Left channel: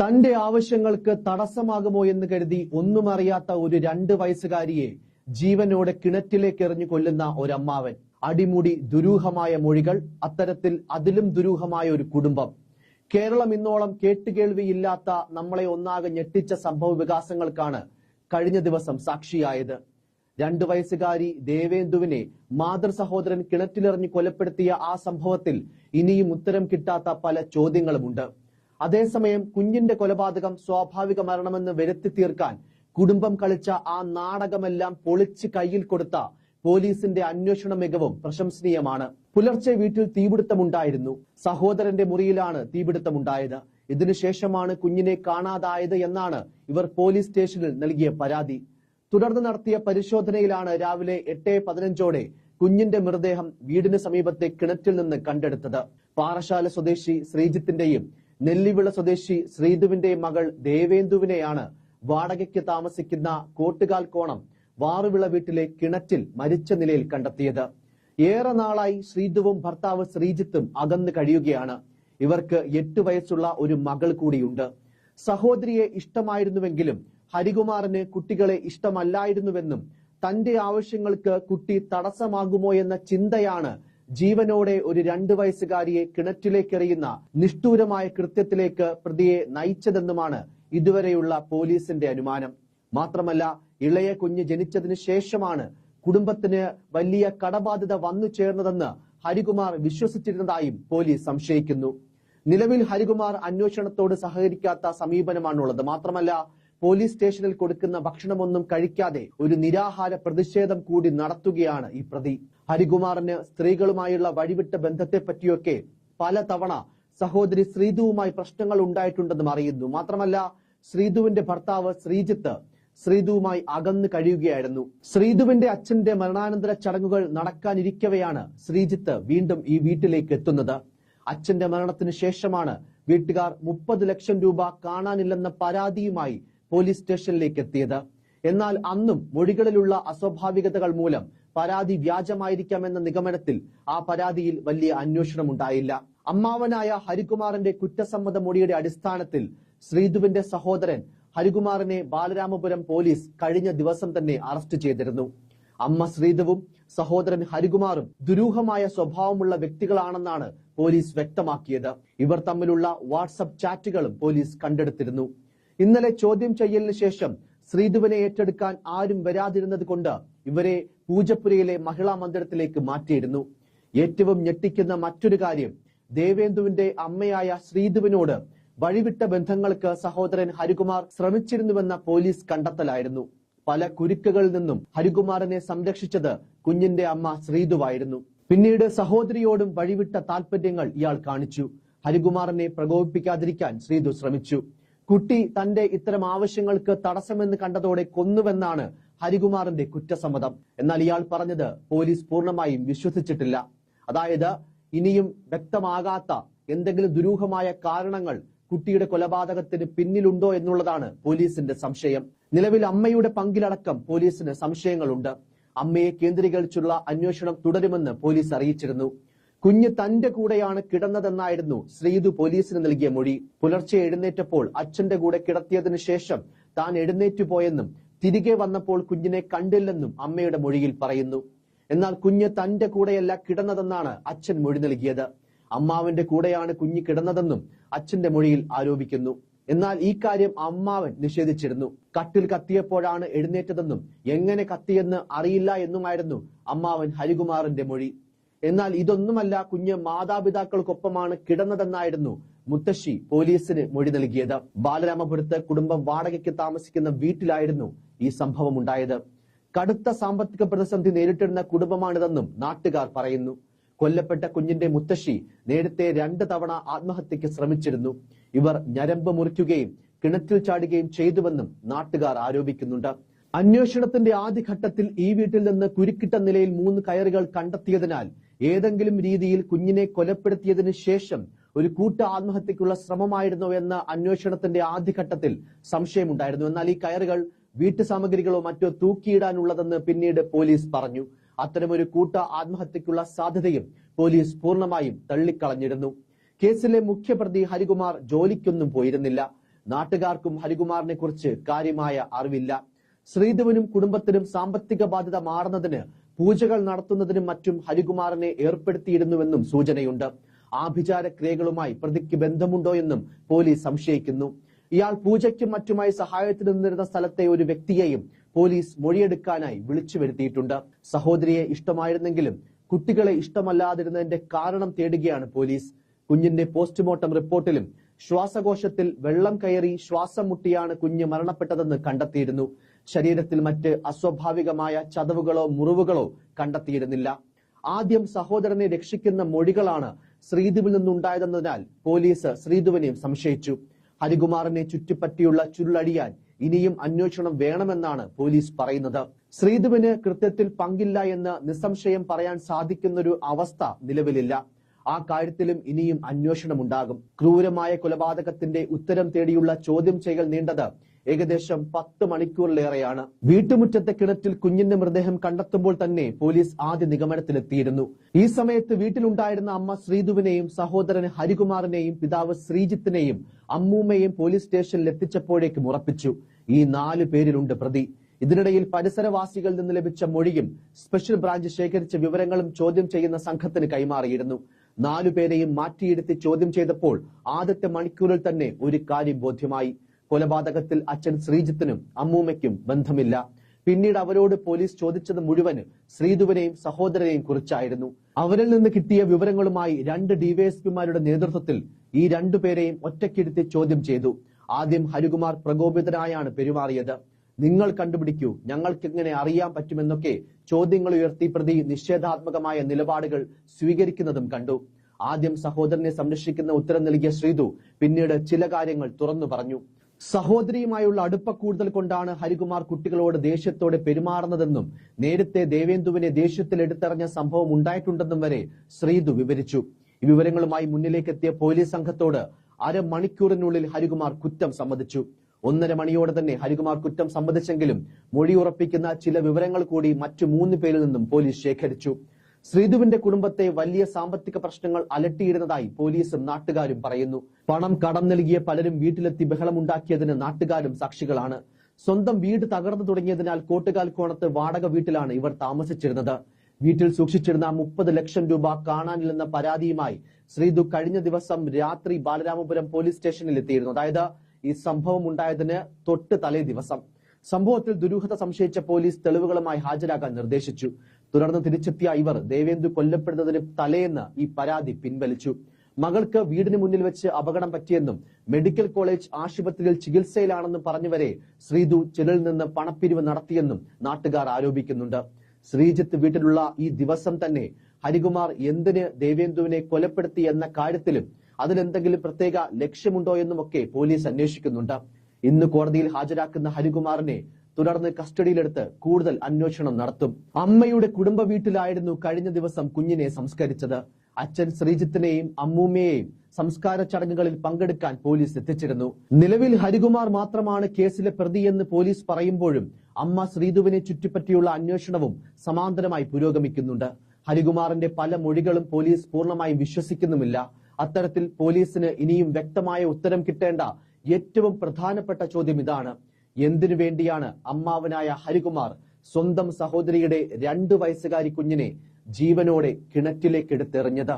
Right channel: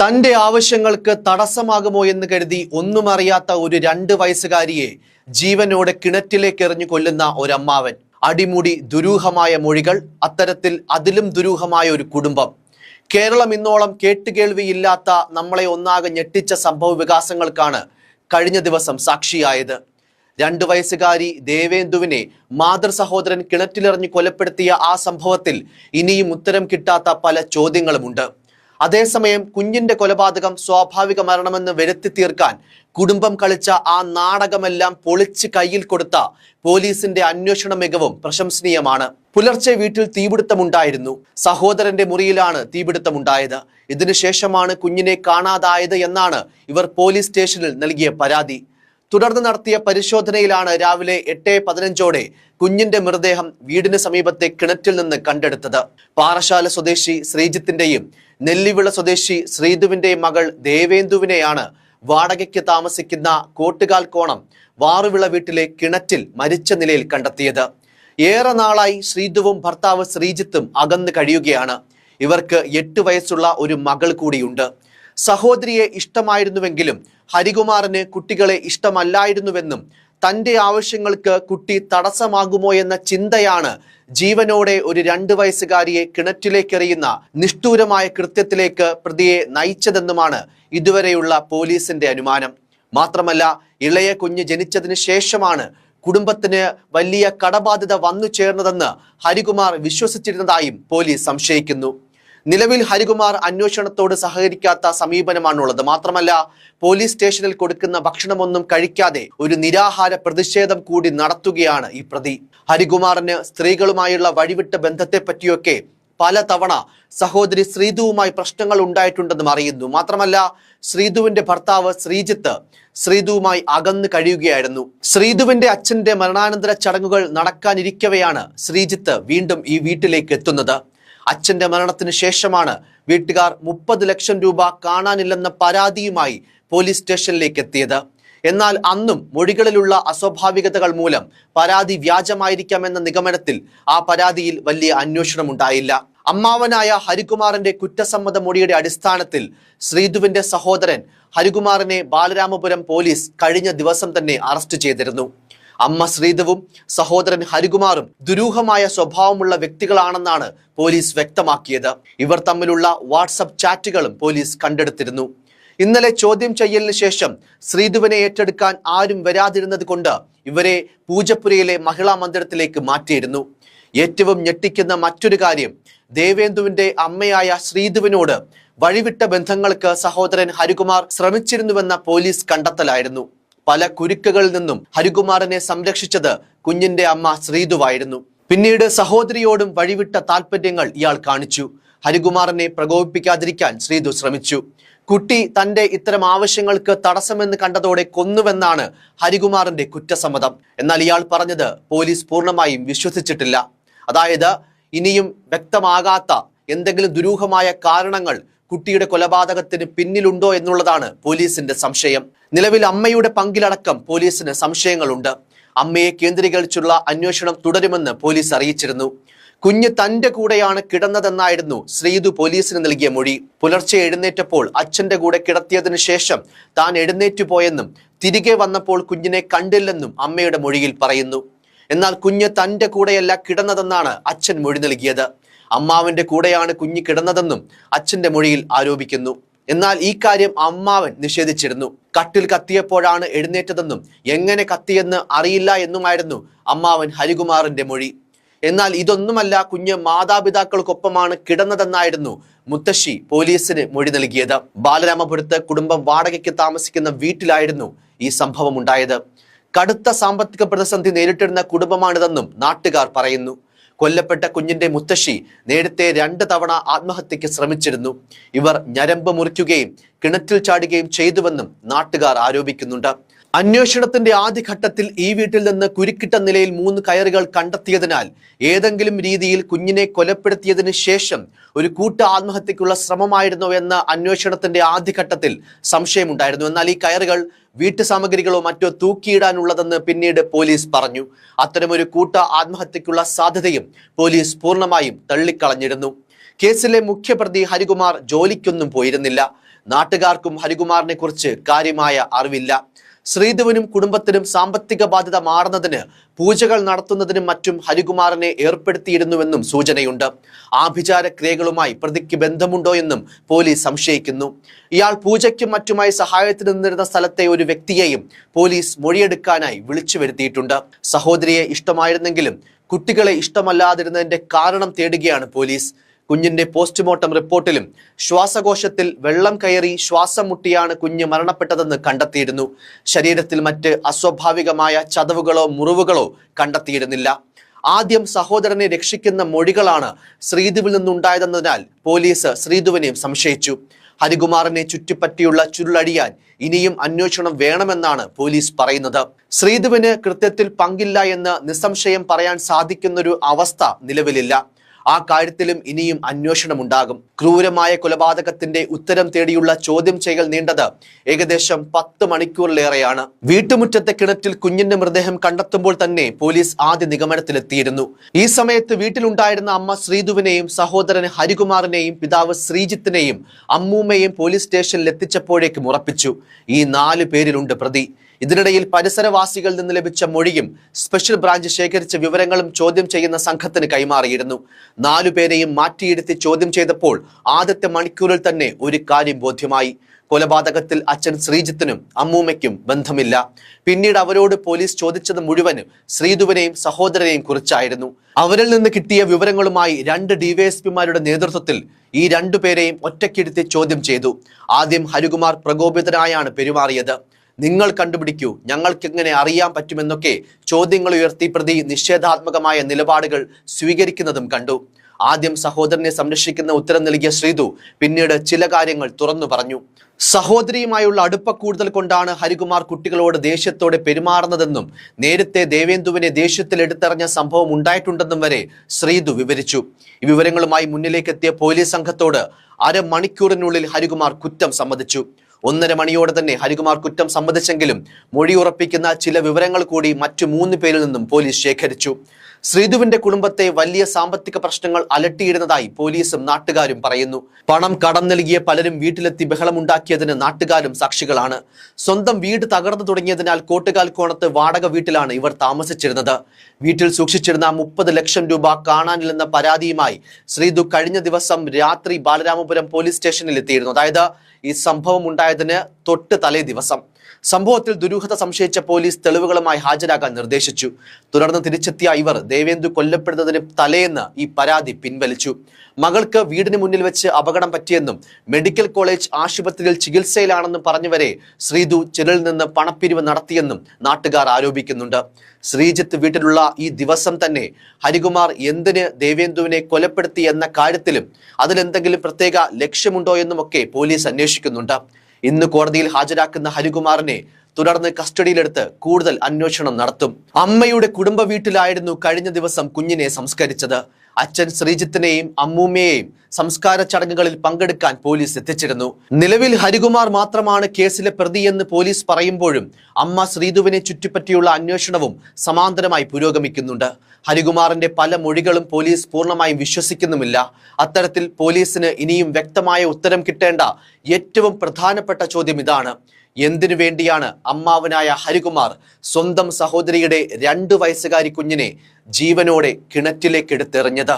തന്റെ ആവശ്യങ്ങൾക്ക് തടസ്സമാകുമോ എന്ന് കരുതി ഒന്നും അറിയാത്ത ഒരു രണ്ട് വയസ്സുകാരിയെ ജീവനോടെ കിണറ്റിലേക്ക് എറിഞ്ഞു കൊല്ലുന്ന ഒരമ്മാവൻ. അടിമുടി ദുരൂഹമായ മൊഴികൾ അത്തരത്തിൽ അതിലും ദുരൂഹമായ ഒരു കുടുംബം. കേരളം ഇന്നോളം കേട്ടുകേൾവിയില്ലാത്ത നമ്മളെ ഒന്നാകെ ഞെട്ടിച്ച സംഭവ വികാസങ്ങൾക്കാണ് കഴിഞ്ഞ ദിവസം സാക്ഷിയായത്. രണ്ടു വയസ്സുകാരി ദേവേന്ദുവിനെ മാതൃ സഹോദരൻ കിണറ്റിലെറിഞ്ഞ് കൊലപ്പെടുത്തിയ ആ സംഭവത്തിൽ ഇനിയും ഉത്തരം കിട്ടാത്ത പല ചോദ്യങ്ങളുമുണ്ട്. അതേസമയം കുഞ്ഞിന്റെ കൊലപാതകം സ്വാഭാവിക മരണമെന്ന് വരുത്തി തീർക്കാൻ കുടുംബം കളിച്ച ആ നാടകമെല്ലാം പൊളിച്ച് കയ്യിൽ കൊടുത്ത പോലീസിന്റെ അന്വേഷണ മികവും പ്രശംസനീയമാണ്. പുലർച്ചെ വീട്ടിൽ തീപിടുത്തമുണ്ടായിരുന്നു. സഹോദരന്റെ മുറിയിലാണ് തീപിടുത്തമുണ്ടായത്. ഇതിനുശേഷമാണ് കുഞ്ഞിനെ കാണാതായത് എന്നാണ് ഇവർ പോലീസ് സ്റ്റേഷനിൽ നൽകിയ പരാതി. തുടർന്ന് നടത്തിയ പരിശോധനയിലാണ് രാവിലെ എട്ട് പതിനഞ്ചോടെ കുഞ്ഞിന്റെ മൃതദേഹം വീടിന് സമീപത്തെ കിണറ്റിൽ നിന്ന് കണ്ടെടുത്തത്. പാറശാല സ്വദേശി ശ്രീജിത്തിന്റെയും നെല്ലിവിള സ്വദേശി ശ്രീധുവിന്റെ മകൾ ദേവേന്ദുവിനെയാണ് വാടകയ്ക്ക് താമസിക്കുന്ന കോട്ടുകാൽ കോണം വാറുവിള വീട്ടിലെ കിണറ്റിൽ മരിച്ച നിലയിൽ കണ്ടെത്തിയത്. ഏറെ നാളായി ശ്രീധുവും ഭർത്താവ് ശ്രീജിത്തും അകന്നു കഴിയുകയാണ്. ഇവർക്ക് എട്ട് വയസ്സുള്ള ഒരു മകൾ കൂടിയുണ്ട്. സഹോദരിയെ ഇഷ്ടമായിരുന്നുവെങ്കിലും ഹരികുമാറിന് കുട്ടികളെ ഇഷ്ടമല്ലായിരുന്നുവെന്നും തന്റെ ആവശ്യങ്ങൾക്ക് കുട്ടി തടസ്സമാകുമോ എന്ന ചിന്തയാണ് ജീവനോടെ ഒരു രണ്ട് വയസ്സുകാരിയെ കിണറ്റിലേക്കെറിയുന്ന നിഷ്ഠൂരമായ കൃത്യത്തിലേക്ക് പ്രതിയെ നയിച്ചതെന്നുമാണ് ഇതുവരെയുള്ള പോലീസിന്റെ അനുമാനം. മാത്രമല്ല ഇളയ കുഞ്ഞ് ജനിച്ചതിന് ശേഷമാണ് കുടുംബത്തിന് വലിയ കടബാധ്യത വന്നു ചേർന്നതെന്ന് ഹരികുമാർ വിശ്വസിച്ചിരുന്നതായും പോലീസ് സംശയിക്കുന്നു. നിലവിൽ ഹരികുമാർ അന്വേഷണത്തോട് സഹകരിക്കാത്ത സമീപനമാണുള്ളത്. മാത്രമല്ല പോലീസ് സ്റ്റേഷനിൽ കൊടുക്കുന്ന ഭക്ഷണമൊന്നും കഴിക്കാതെ ഒരു നിരാഹാര പ്രതിഷേധം കൂടി നടത്തുകയാണ് ഈ പ്രതി. ഹരികുമാറിന് സ്ത്രീകളുമായുള്ള വഴിവിട്ട ബന്ധത്തെ പറ്റിയൊക്കെ പലതവണ സഹോദരി ശ്രീധുവുമായി പ്രശ്നങ്ങൾ ഉണ്ടായിട്ടുണ്ടെന്നും അറിയുന്നു. മാത്രമല്ല ശ്രീധുവിന്റെ ഭർത്താവ് ശ്രീജിത്ത് ശ്രീധുവുമായി അകന്നു കഴിയുകയായിരുന്നു. ശ്രീധുവിന്റെ അച്ഛന്റെ മരണാനന്തര ചടങ്ങുകൾ നടക്കാനിരിക്കവെയാണ് ശ്രീജിത്ത് വീണ്ടും ഈ വീട്ടിലേക്ക് എത്തുന്നത്. അച്ഛന്റെ മരണത്തിന് ശേഷമാണ് വീട്ടുകാർ മുപ്പത് ലക്ഷം രൂപ കാണാനില്ലെന്ന പരാതിയുമായി പോലീസ് സ്റ്റേഷനിലേക്ക് എത്തിയത്. എന്നാൽ അന്നും മൊഴികളിലുള്ള അസ്വാഭാവികതകൾ മൂലം പരാതി വ്യാജമായിരിക്കാമെന്ന നിഗമനത്തിൽ ആ പരാതിയിൽ വലിയ അന്വേഷണം ഉണ്ടായില്ല അമ്മാവനായ ഹരികുമാറിന്റെ കുറ്റസമ്മത മൊഴിയുടെ അടിസ്ഥാനത്തിൽ ശ്രീധുവിന്റെ സഹോദരൻ ഹരികുമാറിനെ ബാലരാമപുരം പോലീസ് കഴിഞ്ഞ ദിവസം തന്നെ അറസ്റ്റ് ചെയ്തിരുന്നു. അമ്മ ശ്രീധവും സഹോദരൻ ഹരികുമാറും ദുരൂഹമായ സ്വഭാവമുള്ള വ്യക്തികളാണെന്നാണ് പോലീസ് വ്യക്തമാക്കിയത്. ഇവർ തമ്മിലുള്ള വാട്സപ്പ് ചാറ്റുകളും പോലീസ് കണ്ടെടുത്തിരുന്നു. ഇന്നലെ ചോദ്യം ചെയ്യലിന് ശേഷം ശ്രീധുവിനെ ഏറ്റെടുക്കാൻ ആരും വരാതിരുന്നത് കൊണ്ട് ഇവരെ പൂജപ്പുരയിലെ മഹിളാ മന്ദിരത്തിലേക്ക് മാറ്റിയിരുന്നു. ഏറ്റവും ഞെട്ടിക്കുന്ന മറ്റൊരു കാര്യം ദേവേന്ദുവിന്റെ അമ്മയായ ശ്രീധുവിനോട് വഴിവിട്ട ബന്ധങ്ങൾക്ക് സഹോദരൻ ഹരികുമാർ ശ്രമിച്ചിരുന്നുവെന്ന പോലീസ് കണ്ടെത്തലായിരുന്നു. പല കുരുക്കുകളിൽ നിന്നും ഹരികുമാറിനെ സംരക്ഷിച്ചത് കുഞ്ഞിന്റെ അമ്മ ശ്രീതുവായിരുന്നു. പിന്നീട് സഹോദരിയോടും വഴിവിട്ട താല്പര്യങ്ങൾ ഇയാൾ കാണിച്ചു. ഹരികുമാറിനെ പ്രകോപിപ്പിക്കാതിരിക്കാൻ ശ്രീതു ശ്രമിച്ചു. കുട്ടി തന്റെ ഇത്തരം ആവശ്യങ്ങൾക്ക് തടസ്സമെന്ന് കണ്ടതോടെ കൊന്നുവെന്നാണ് ഹരികുമാറിന്റെ കുറ്റസമ്മതം. എന്നാൽ ഇയാൾ പറഞ്ഞത് പോലീസ് പൂർണമായും വിശ്വസിച്ചിട്ടില്ല. അതായത് ഇനിയും വ്യക്തമാകാത്ത എന്തെങ്കിലും ദുരൂഹമായ കാരണങ്ങൾ കുട്ടിയുടെ കൊലപാതകത്തിന് പിന്നിലുണ്ടോ എന്നുള്ളതാണ് പോലീസിന്റെ സംശയം. നിലവിൽ അമ്മയുടെ പങ്കിലടക്കം പോലീസിന് സംശയങ്ങളുണ്ട്. അമ്മയെ കേന്ദ്രീകരിച്ചുള്ള അന്വേഷണം തുടരുമെന്ന് പോലീസ് അറിയിച്ചിരുന്നു. കുഞ്ഞ് തന്റെ കൂടെയാണ് കിടന്നതെന്നായിരുന്നു ശ്രീതു പോലീസിന് നൽകിയ മൊഴി. പുലർച്ചെ എഴുന്നേറ്റപ്പോൾ അച്ഛന്റെ കൂടെ കിടത്തിയതിനു ശേഷം താൻ എഴുന്നേറ്റു പോയെന്നും തിരികെ വന്നപ്പോൾ കുഞ്ഞിനെ കണ്ടില്ലെന്നും അമ്മയുടെ മൊഴിയിൽ പറയുന്നു. എന്നാൽ കുഞ്ഞ് തന്റെ കൂടെയല്ല കിടന്നതെന്നാണ് അച്ഛൻ മൊഴി നൽകിയത്. അമ്മാവന്റെ കൂടെയാണ് കുഞ്ഞ് കിടന്നതെന്നും അച്ഛന്റെ മൊഴിയിൽ ആരോപിക്കുന്നു. എന്നാൽ ഈ കാര്യം അമ്മാവൻ നിഷേധിച്ചിരുന്നു. കട്ടിൽ കത്തിയപ്പോഴാണ് എഴുന്നേറ്റതെന്നും എങ്ങനെ കത്തിയെന്ന് അറിയില്ല എന്നുമായിരുന്നു അമ്മാവൻ ഹരികുമാറിന്റെ മൊഴി. എന്നാൽ ഇതൊന്നുമല്ല കുഞ്ഞ് മാതാപിതാക്കൾക്കൊപ്പമാണ് കിടന്നതെന്നായിരുന്നു മുത്തശ്ശി പോലീസിന് മൊഴി നൽകിയത്. ബാലരാമപുരത്ത് കുടുംബം വാടകയ്ക്ക് താമസിക്കുന്ന വീട്ടിലായിരുന്നു ഈ സംഭവം ഉണ്ടായത് കടുത്ത സാമ്പത്തിക പ്രതിസന്ധി നേരിട്ടിരുന്ന കുടുംബമാണിതെന്നും നാട്ടുകാർ പറയുന്നു. കൊല്ലപ്പെട്ട കുഞ്ഞിന്റെ മുത്തശ്ശി നേരത്തെ രണ്ട് തവണ ആത്മഹത്യയ്ക്ക് ശ്രമിച്ചിരുന്നു. ഇവർ ഞരമ്പ് മുറിക്കുകയും കിണറ്റിൽ ചാടുകയും ചെയ്തുവെന്നും നാട്ടുകാർ ആരോപിക്കുന്നുണ്ട്. അന്വേഷണത്തിന്റെ ആദ്യഘട്ടത്തിൽ ഈ വീട്ടിൽ നിന്ന് കുരുക്കിട്ട നിലയിൽ മൂന്ന് കയറുകൾ കണ്ടെത്തിയതിനാൽ ഏതെങ്കിലും രീതിയിൽ കുഞ്ഞിനെ കൊലപ്പെടുത്തിയതിനു ശേഷം ഒരു കൂട്ട ആത്മഹത്യക്കുള്ള ശ്രമമായിരുന്നോ എന്ന അന്വേഷണത്തിന്റെ ആദ്യഘട്ടത്തിൽ സംശയമുണ്ടായിരുന്നു. എന്നാൽ ഈ കയറുകൾ വീട്ടു സാമഗ്രികളോ മറ്റോ തൂക്കിയിടാനുള്ളതെന്ന് പിന്നീട് പോലീസ് പറഞ്ഞു. അത്തരമൊരു കൂട്ട ആത്മഹത്യക്കുള്ള സാധ്യതയും പോലീസ് പൂർണമായും തള്ളിക്കളഞ്ഞിരുന്നു. കേസിലെ മുഖ്യപ്രതി ഹരികുമാർ ജോലിക്കൊന്നും പോയിരുന്നില്ല. നാട്ടുകാർക്കും ഹരികുമാറിനെ കുറിച്ച് കാര്യമായ അറിവില്ല. ശ്രീധുവിനും കുടുംബത്തിനും സാമ്പത്തിക ബാധ്യത മാറുന്നതിന് പൂജകൾ നടത്തുന്നതിനും മറ്റും ഹരികുമാറിനെ ഏർപ്പെടുത്തിയിരുന്നുവെന്നും സൂചനയുണ്ട്. ആഭിചാര ക്രിയകളുമായി പ്രതിക്ക് ബന്ധമുണ്ടോ എന്നും പോലീസ് സംശയിക്കുന്നു. ഇയാൾ പൂജയ്ക്കും മറ്റുമായി സഹായത്തിന് നിന്നിരുന്ന സ്ഥലത്തെ ഒരു വ്യക്തിയെയും പോലീസ് മൊഴിയെടുക്കാനായി വിളിച്ചു വരുത്തിയിട്ടുണ്ട്. സഹോദരിയെ ഇഷ്ടമായിരുന്നെങ്കിലും കുട്ടികളെ ഇഷ്ടമല്ലാതിരുന്നതിന്റെ കാരണം തേടുകയാണ് പോലീസ്. കുഞ്ഞിന്റെ പോസ്റ്റ്മോർട്ടം റിപ്പോർട്ടിലും ശ്വാസകോശത്തിൽ വെള്ളം കയറി ശ്വാസം മുട്ടിയാണ് കുഞ്ഞ് മരണപ്പെട്ടതെന്ന് കണ്ടെത്തിയിരുന്നു. ശരീരത്തിൽ മറ്റ് അസ്വാഭാവികമായ ചതവുകളോ മുറിവുകളോ കണ്ടെത്തിയിരുന്നില്ല. ആദ്യം സഹോദരനെ രക്ഷിക്കുന്ന മൊഴികളാണ് ശ്രീധുവിൽ നിന്നുണ്ടായതെന്നതിനാൽ പോലീസ് ശ്രീധുവിനെയും സംശയിച്ചു. ഹരികുമാറിനെ ചുറ്റിപ്പറ്റിയുള്ള ചുരുളടിയാൻ ഇനിയും അന്വേഷണം വേണമെന്നാണ് പോലീസ് പറയുന്നത്. ശ്രീധുവിന് കൃത്യത്തിൽ പങ്കില്ല എന്ന് നിസ്സംശയം പറയാൻ സാധിക്കുന്നൊരു അവസ്ഥ നിലവിലില്ല. ആ കാര്യത്തിലും ഇനിയും അന്വേഷണമുണ്ടാകും. ക്രൂരമായ കൊലപാതകത്തിന്റെ ഉത്തരം തേടിയുള്ള ചോദ്യം ചെയ്യൽ നീണ്ടത് ഏകദേശം പത്ത് മണിക്കൂറിലേറെയാണ്. വീട്ടുമുറ്റത്തെ കിണറ്റിൽ കുഞ്ഞിന്റെ മൃതദേഹം കണ്ടെത്തുമ്പോൾ തന്നെ പോലീസ് ആദ്യ നിഗമനത്തിലെത്തിയിരുന്നു. ഈ സമയത്ത് വീട്ടിലുണ്ടായിരുന്ന അമ്മ ശ്രീധുവിനെയും സഹോദരൻ ഹരികുമാറിനെയും പിതാവ് ശ്രീജിത്തിനെയും അമ്മൂമ്മയെയും പോലീസ് സ്റ്റേഷനിൽ എത്തിച്ചപ്പോഴേക്കും ഉറപ്പിച്ചു. ഈ നാല് പേരിലുണ്ട് പ്രതി. ഇതിനിടയിൽ പരിസരവാസികളിൽ നിന്ന് ലഭിച്ച മൊഴിയും സ്പെഷ്യൽ ബ്രാഞ്ച് ശേഖരിച്ച വിവരങ്ങളും ചോദ്യം ചെയ്യുന്ന സംഘത്തിന് കൈമാറിയിരുന്നു. നാലുപേരെയും മാറ്റിയിരുത്തി ചോദ്യം ചെയ്തപ്പോൾ ആദ്യത്തെ മണിക്കൂറിൽ തന്നെ ഒരു കാര്യം ബോധ്യമായി. കൊലപാതകത്തിൽ അച്ഛൻ ശ്രീജിത്തിനും അമ്മൂമ്മയ്ക്കും ബന്ധമില്ല. പിന്നീട് അവരോട് പോലീസ് ചോദിച്ചത് മുഴുവനും ശ്രീധുവിനെയും സഹോദരനെയും കുറിച്ചായിരുന്നു. അവരിൽ നിന്ന് കിട്ടിയ വിവരങ്ങളുമായി രണ്ട് ഡിവൈഎസ്പിമാരുടെ നേതൃത്വത്തിൽ ഈ രണ്ടുപേരെയും ഒറ്റയ്ക്കിരുത്തി ചോദ്യം ചെയ്തു. ആദ്യം ഹരികുമാർ പ്രകോപിതനായാണ് പെരുമാറിയത്. നിങ്ങൾ കണ്ടുപിടിക്കൂ. ഞങ്ങൾക്ക് എങ്ങനെ അറിയാൻ പറ്റുമെന്നൊക്കെ ചോദ്യങ്ങൾ ഉയർത്തി പ്രതി നിഷേധാത്മകമായ നിലപാടുകൾ സ്വീകരിക്കുന്നതും കണ്ടു. ആദ്യം സഹോദരനെ സംരക്ഷിക്കുന്ന ഉത്തരം നൽകിയ ശ്രീതു പിന്നീട് ചില കാര്യങ്ങൾ തുറന്നു പറഞ്ഞു. സഹോദരിയുമായുള്ള അടുപ്പ കൂടുതൽ കൊണ്ടാണ് ഹരികുമാർ കുട്ടികളോട് ദേഷ്യത്തോടെ പെരുമാറുന്നതെന്നും നേരത്തെ ദേവേന്ദുവിനെ ദേഷ്യത്തിൽ എടുത്തെറിഞ്ഞ സംഭവം ഉണ്ടായിട്ടുണ്ടെന്നും വരെ ശ്രീതു വിവരിച്ചു. ഈ വിവരങ്ങളുമായി മുന്നിലേക്കെത്തിയ പോലീസ് സംഘത്തോട് അരമണിക്കൂറിനുള്ളിൽ ഹരികുമാർ കുറ്റം സമ്മതിച്ചു. ഒന്നര മണിയോടെ തന്നെ ഹരികുമാർ കുറ്റം സമ്മതിച്ചെങ്കിലും മൊഴി ഉറപ്പിക്കുന്ന ചില വിവരങ്ങൾ കൂടി മറ്റു മൂന്ന് പേരിൽ നിന്നും പോലീസ് ശേഖരിച്ചു. ശ്രീധുവിന്റെ കുടുംബത്തെ വലിയ സാമ്പത്തിക പ്രശ്നങ്ങൾ അലട്ടിയിരുന്നതായി പോലീസും നാട്ടുകാരും പറയുന്നു. പണം കടം നൽകിയ പലരും വീട്ടിലെത്തി ബഹളമുണ്ടാക്കിയതിന് നാട്ടുകാരും സാക്ഷികളാണ്. സ്വന്തം വീട് തകർന്നു തുടങ്ങിയതിനാൽ കോട്ടുകാൽ കോണത്ത് വാടക വീട്ടിലാണ് ഇവർ താമസിച്ചിരുന്നത്. വീട്ടിൽ സൂക്ഷിച്ചിരുന്ന മുപ്പത് ലക്ഷം രൂപ കാണാനില്ലെന്ന പരാതിയുമായി ശ്രീധു കഴിഞ്ഞ ദിവസം രാത്രി ബാലരാമപുരം പോലീസ് സ്റ്റേഷനിൽ എത്തിയിരുന്നു അതായത് ഈ സംഭവം ഉണ്ടായതിന് തൊട്ട് തലേ ദിവസം. സംഭവത്തിൽ ദുരൂഹത സംശയിച്ച പോലീസ് തെളിവുകളുമായി ഹാജരാകാൻ നിർദ്ദേശിച്ചു. തുടർന്ന് തിരിച്ചെത്തിയ ഇവർ ദേവേന്ദു കൊല്ലപ്പെടുന്നതിന് തലേന്ന് ഈ പരാതി പിൻവലിച്ചു. മകൾക്ക് വീടിന് മുന്നിൽ വെച്ച് അപകടം പറ്റിയെന്നും മെഡിക്കൽ കോളേജ് ആശുപത്രിയിൽ ചികിത്സയിലാണെന്നും പറഞ്ഞുവരെ ശ്രീതു ചിലരിൽ നിന്ന് പണപ്പിരിവ് നടത്തിയെന്നും നാട്ടുകാർ ആരോപിക്കുന്നുണ്ട്. ശ്രീജിത്ത് വീട്ടിലുള്ള ഈ ദിവസം തന്നെ ഹരികുമാർ എന്തിന് ദേവേന്ദുവിനെ കൊലപ്പെടുത്തി എന്ന കാര്യത്തിലും അതിലെന്തെങ്കിലും പ്രത്യേക ലക്ഷ്യമുണ്ടോ എന്നുമൊക്കെ പോലീസ് അന്വേഷിക്കുന്നുണ്ട്. ഇന്ന് കോടതിയിൽ ഹാജരാക്കുന്ന ഹരികുമാറിനെ തുടർന്ന് കസ്റ്റഡിയിലെടുത്ത് കൂടുതൽ അന്വേഷണം നടത്തും. അമ്മയുടെ കുടുംബ വീട്ടിലായിരുന്നു കഴിഞ്ഞ ദിവസം കുഞ്ഞിനെ സംസ്കരിച്ചത്. അച്ഛൻ ശ്രീജിത്തിനെയും അമ്മൂമ്മയെയും സംസ്കാര ചടങ്ങുകളിൽ പങ്കെടുക്കാൻ പോലീസ് എത്തിച്ചിരുന്നു. നിലവിൽ ഹരികുമാർ മാത്രമാണ് കേസിലെ പ്രതിയെന്ന് പോലീസ് പറയുമ്പോഴും അമ്മ ശ്രീധുവിനെ ചുറ്റിപ്പറ്റിയുള്ള അന്വേഷണവും സമാന്തരമായി പുരോഗമിക്കുന്നുണ്ട്. ഹരികുമാറിന്റെ പല മൊഴികളും പോലീസ് പൂർണമായും വിശ്വസിക്കുന്നുമില്ല. അത്തരത്തിൽ പോലീസിന് ഇനിയും വ്യക്തമായ ഉത്തരം കിട്ടേണ്ട ഏറ്റവും പ്രധാനപ്പെട്ട ചോദ്യം ഇതാണ്. എന്തിനു വേണ്ടിയാണ് അമ്മാവനായ ഹരികുമാർ സ്വന്തം സഹോദരിയുടെ രണ്ടു വയസ്സുകാരി കുഞ്ഞിനെ ജീവനോടെ കിണറ്റിലേക്ക് എടുത്തെറിഞ്ഞത്?